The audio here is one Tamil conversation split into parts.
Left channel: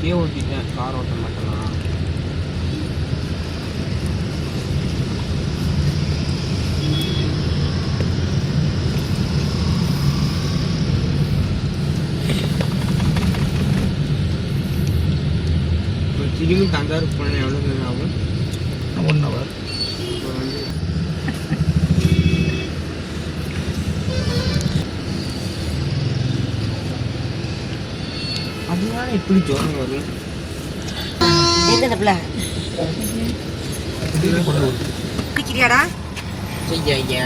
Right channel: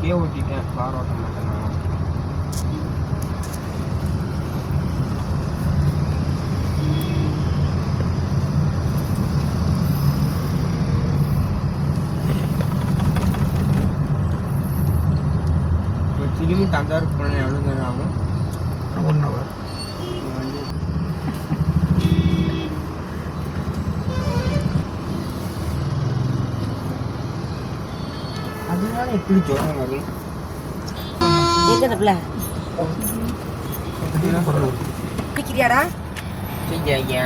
இப்பயே ஓட்டிட்டேன், கார் ஓட்ட மாட்டேன். திரும்பி தஞ்சாவூர் போனேன், எவ்வளோ நேரம் ஆகும்? 1 hour. அதனால எப்படி ஜோரம் வரும்? குடிக்கிறியாடா? ஐயா,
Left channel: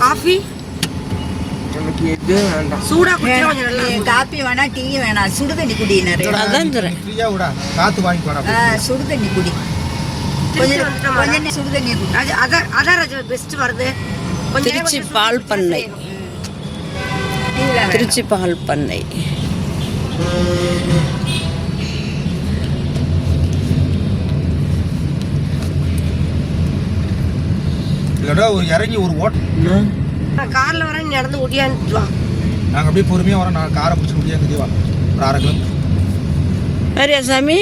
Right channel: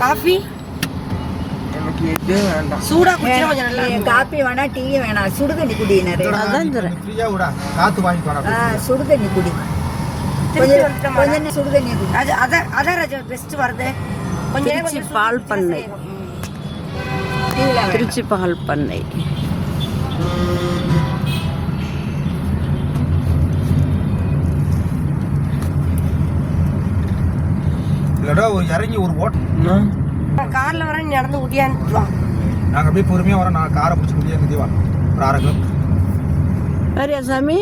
காஃபி எனக்கு எது வேண்டாம். சூடா குடிச்சா கொஞ்சம் நல்லா இருக்கும். காப்பி வேணா, டீ வேணா, சுடு தண்ணி குடி. நிறைய ஃப்ரீயா விடா, காத்து வாங்கி போடா. சுடு தண்ணி குடி. கொஞ்சம் சுடு தண்ணி குடி. அதான் ராஜா பெஸ்ட் வருது. திருச்சி பால் பண்ணை. திருச்சி பால் பண்ணை. இல்லடா ஒரு இறங்கி ஒரு கார்ல வர நடந்து ஓட்டியான்னு வா. நாங்கள் அப்படியே பொறுமையாக வரோம். நான் காரை பிடிச்சி முடியாது வா. ஒரு 1/2 கிலோமீட்டர். வேறியா சாமி?